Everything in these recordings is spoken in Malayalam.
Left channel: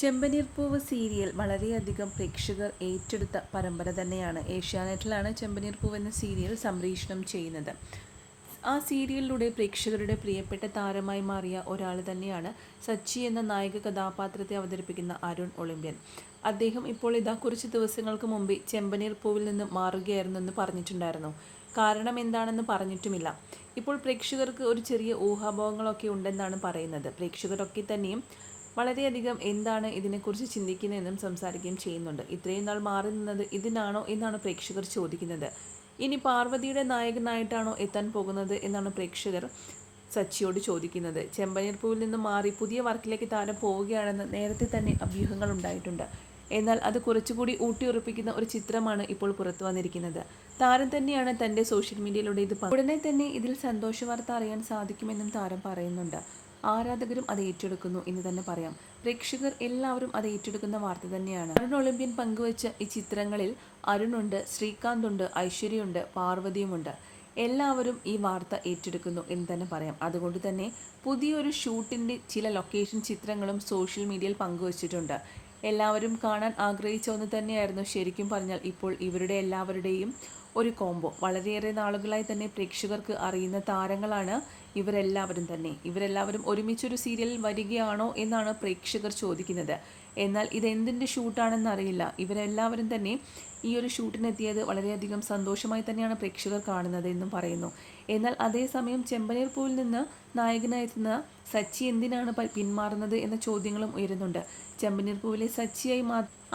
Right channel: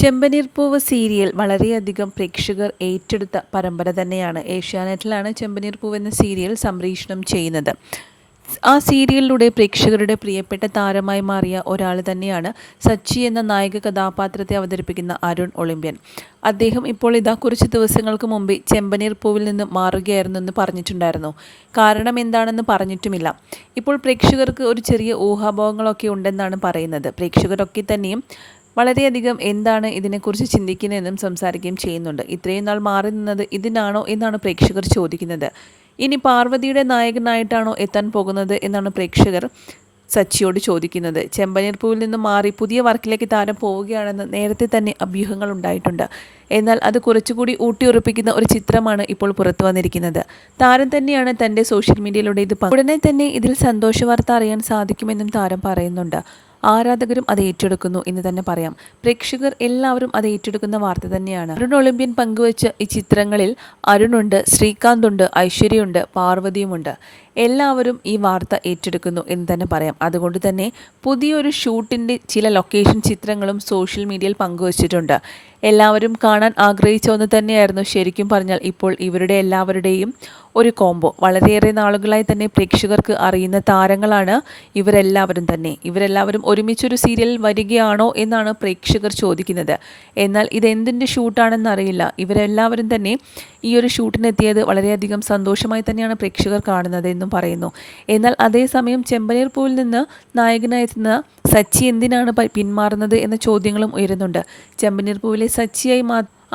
ചെമ്പനീർ പൂവ് സീരിയൽ വളരെയധികം പ്രേക്ഷകർ ഏറ്റെടുത്ത പരമ്പര തന്നെയാണ്. ഏഷ്യാനെറ്റിലാണ് ചെമ്പനീർ പൂവ് എന്ന സീരിയൽ സംപ്രേഷണം ചെയ്യുന്നത്. ആ സീരിയലിലൂടെ പ്രേക്ഷകരുടെ പ്രിയപ്പെട്ട താരമായി മാറിയ ഒരാൾ തന്നെയാണ് സച്ചി എന്ന നായിക കഥാപാത്രത്തെ അവതരിപ്പിക്കുന്ന അരുൺ ഒളിമ്പ്യൻ. അദ്ദേഹം ഇപ്പോൾ ഇതാ കുറച്ച് ദിവസങ്ങൾക്ക് മുമ്പ് ചെമ്പനീർ പൂവിൽ നിന്ന് മാറുകയായിരുന്നു എന്ന് പറഞ്ഞിട്ടുണ്ടായിരുന്നു. കാരണം എന്താണെന്ന് പറഞ്ഞിട്ടുമില്ല. ഇപ്പോൾ പ്രേക്ഷകർക്ക് ഒരു ചെറിയ ഊഹാഭോഹങ്ങളൊക്കെ ഉണ്ടെന്നാണ് പറയുന്നത്. പ്രേക്ഷകരൊക്കെ തന്നെയും വളരെയധികം എന്താണ് ഇതിനെക്കുറിച്ച് ചിന്തിക്കുന്നതെന്നും സംസാരിക്കുകയും ചെയ്യുന്നുണ്ട്. ഇത്രയും നാൾ മാറി നിന്നത് ഇതിനാണോ എന്നാണ് പ്രേക്ഷകർ ചോദിക്കുന്നത്. ഇനി പാർവതിയുടെ നായകനായിട്ടാണോ എത്താൻ പോകുന്നത് എന്നാണ് പ്രേക്ഷകർ സച്ചിയോട് ചോദിക്കുന്നത്. ചെമ്പനീർ പൂവിൽ നിന്ന് മാറി പുതിയ വർക്കിലേക്ക് താരം പോവുകയാണെന്ന് നേരത്തെ തന്നെ അഭ്യൂഹങ്ങൾ ഉണ്ടായിട്ടുണ്ട്. എന്നാൽ അത് കുറച്ചുകൂടി ഊട്ടിയുറപ്പിക്കുന്ന ഒരു ചിത്രമാണ് ഇപ്പോൾ പുറത്തു വന്നിരിക്കുന്നത്. താരം തന്നെയാണ് തൻ്റെ സോഷ്യൽ മീഡിയയിലൂടെ ഇത് ഉടനെ തന്നെ ഇതിൽ സന്തോഷ വാർത്ത അറിയാൻ സാധിക്കുമെന്നും താരം പറയുന്നുണ്ട്. ആരാധകരും അത് ഏറ്റെടുക്കുന്നു എന്ന് തന്നെ പറയാം. പ്രേക്ഷകർ എല്ലാവരും അത് ഏറ്റെടുക്കുന്ന വാർത്ത തന്നെയാണ്. അരുൺ ഒളിമ്പ്യൻ പങ്കുവച്ച ഈ ചിത്രങ്ങളിൽ അരുണുണ്ട്, ശ്രീകാന്ത് ഉണ്ട്, ഐശ്വര്യയുണ്ട്, പാർവതിയുമുണ്ട്. എല്ലാവരും ഈ വാർത്ത ഏറ്റെടുക്കുന്നു എന്ന് തന്നെ പറയാം. അതുകൊണ്ട് തന്നെ പുതിയൊരു ഷൂട്ടിൻ്റെ ചില ലൊക്കേഷൻ ചിത്രങ്ങളും സോഷ്യൽ മീഡിയയിൽ പങ്കുവച്ചിട്ടുണ്ട്. എല്ലാവരും കാണാൻ ആഗ്രഹിച്ച ഒന്ന് തന്നെയായിരുന്നു. ശരിക്കും പറഞ്ഞാൽ ഇപ്പോൾ ഇവരുടെ എല്ലാവരുടെയും ഒരു കോംബോ. വളരെയേറെ നാളുകളായി തന്നെ പ്രേക്ഷകർക്ക് അറിയുന്ന താരങ്ങളാണ് ഇവരെല്ലാവരും ഒരുമിച്ചൊരു സീരിയൽ വരികയാണോ എന്നാണ് പ്രേക്ഷകർ ചോദിക്കുന്നത്. എന്നാൽ ഇതെന്തിൻ്റെ ഷൂട്ടാണെന്ന് അറിയില്ല. ഇവരെല്ലാവരും തന്നെ ഈ ഒരു ഷൂട്ടിനെത്തിയത് വളരെയധികം സന്തോഷമായി തന്നെയാണ് പ്രേക്ഷകർ കാണുന്നത് എന്നും പറയുന്നു. എന്നാൽ അതേസമയം ചെമ്പനീർ പൂവിൽ നിന്ന് നായകനായെത്തുന്ന സച്ചി എന്തിനാണ് പിന്മാറുന്നത് എന്ന ചോദ്യങ്ങളും ഉയരുന്നുണ്ട്. ചെമ്പനീർ പൂവിലെ സച്ചിയായി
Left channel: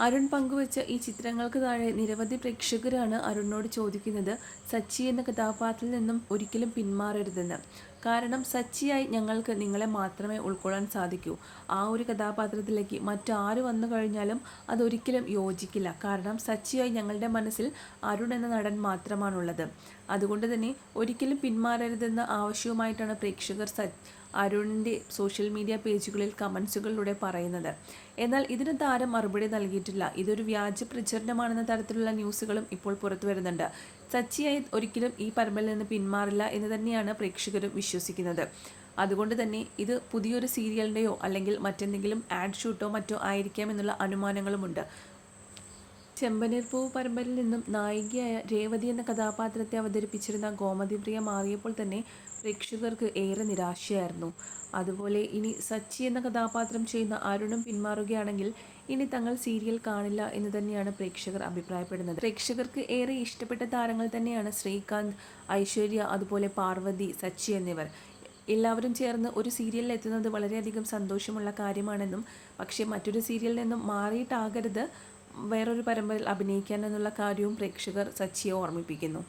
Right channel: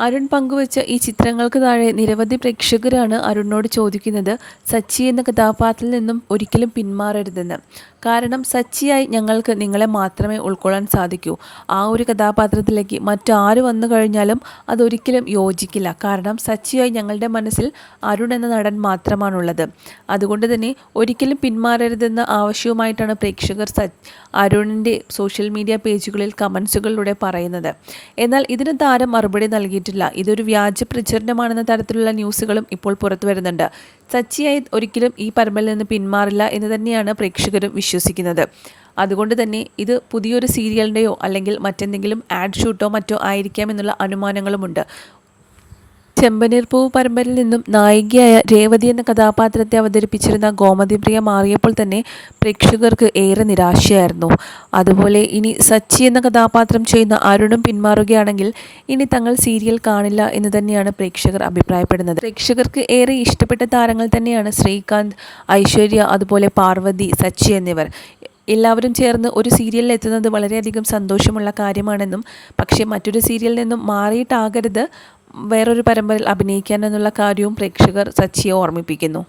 അരുൺ പങ്കുവച്ച ഈ ചിത്രങ്ങൾക്ക് താഴെ നിരവധി പ്രേക്ഷകരാണ് അരുണിനോട് ചോദിക്കുന്നത് സച്ചി എന്ന കഥാപാത്രത്തിൽ നിന്നും ഒരിക്കലും പിന്മാറരുതെന്ന്. കാരണം സച്ചിയായി ഞങ്ങൾക്ക് നിങ്ങളെ മാത്രമേ ഉൾക്കൊള്ളാൻ സാധിക്കൂ. ആ ഒരു കഥാപാത്രത്തിലേക്ക് മറ്റാര് വന്നു കഴിഞ്ഞാലും അതൊരിക്കലും യോജിക്കില്ല. കാരണം സച്ചിയായി ഞങ്ങളുടെ മനസ്സിൽ അരുൺ എന്ന നടൻ മാത്രമാണുള്ളത്. അതുകൊണ്ട് തന്നെ ഒരിക്കലും പിന്മാറരുതെന്ന ആവശ്യവുമായിട്ടാണ് പ്രേക്ഷകർ അരുണിൻ്റെ സോഷ്യൽ മീഡിയ പേജുകളിൽ കമൻസുകളിലൂടെ പറയുന്നത്. എന്നാൽ ഇതിന് താരം മറുപടി നൽകിയിട്ടില്ല. ഇതൊരു വ്യാജ പ്രചരണമാണെന്ന തരത്തിലുള്ള ന്യൂസുകളും ഇപ്പോൾ പുറത്തു വരുന്നുണ്ട്. സച്ചിയായി ഒരിക്കലും ഈ പരമ്പരയിൽ നിന്ന് പിന്മാറില്ല എന്ന് തന്നെയാണ് പ്രേക്ഷകരും വിശ്വസിക്കുന്നത്. അതുകൊണ്ട് തന്നെ ഇത് പുതിയൊരു സീരിയലിൻ്റെയോ അല്ലെങ്കിൽ മറ്റെന്തെങ്കിലും ആഡ് ഷൂട്ടോ മറ്റോ ആയിരിക്കാം എന്നുള്ള അനുമാനങ്ങളുമുണ്ട്. ചെമ്പനീർ പൂവ് പരമ്പരയിൽ നിന്നും നായികയായ രേവതി എന്ന കഥാപാത്രത്തെ അവതരിപ്പിച്ചിരുന്ന ഗോമതി പ്രിയ മാറിയപ്പോൾ തന്നെ പ്രേക്ഷകർക്ക് ഏറെ നിരാശയായിരുന്നു. അതുപോലെ ഇനി സച്ചി എന്ന കഥാപാത്രം ചെയ്യുന്ന അരുണും പിന്മാറുകയാണെങ്കിൽ ഇനി തങ്ങൾ സീരിയൽ കാണില്ല എന്ന് തന്നെയാണ് പ്രേക്ഷകർ അഭിപ്രായപ്പെടുന്നത്. പ്രേക്ഷകർക്ക് ഏറെ ഇഷ്ടപ്പെട്ട താരങ്ങൾ തന്നെയാണ് ശ്രീകാന്ത്, ഐശ്വര്യ, അതുപോലെ പാർവതി, സച്ചി എന്നിവർ. എല്ലാവരും ചേർന്ന് ഒരു സീരിയലിൽ എത്തുന്നത് വളരെയധികം സന്തോഷമുള്ള കാര്യമാണെന്നും പക്ഷേ മറ്റൊരു സീരിയലിൽ നിന്നും മാറിയിട്ടാകരുത് വേറൊരു പരമ്പരയിൽ അഭിനയിക്കാൻ എന്നുള്ള കാര്യവും പ്രേക്ഷകർ സച്ചിയെ ഓർമ്മിപ്പിക്കുന്നു.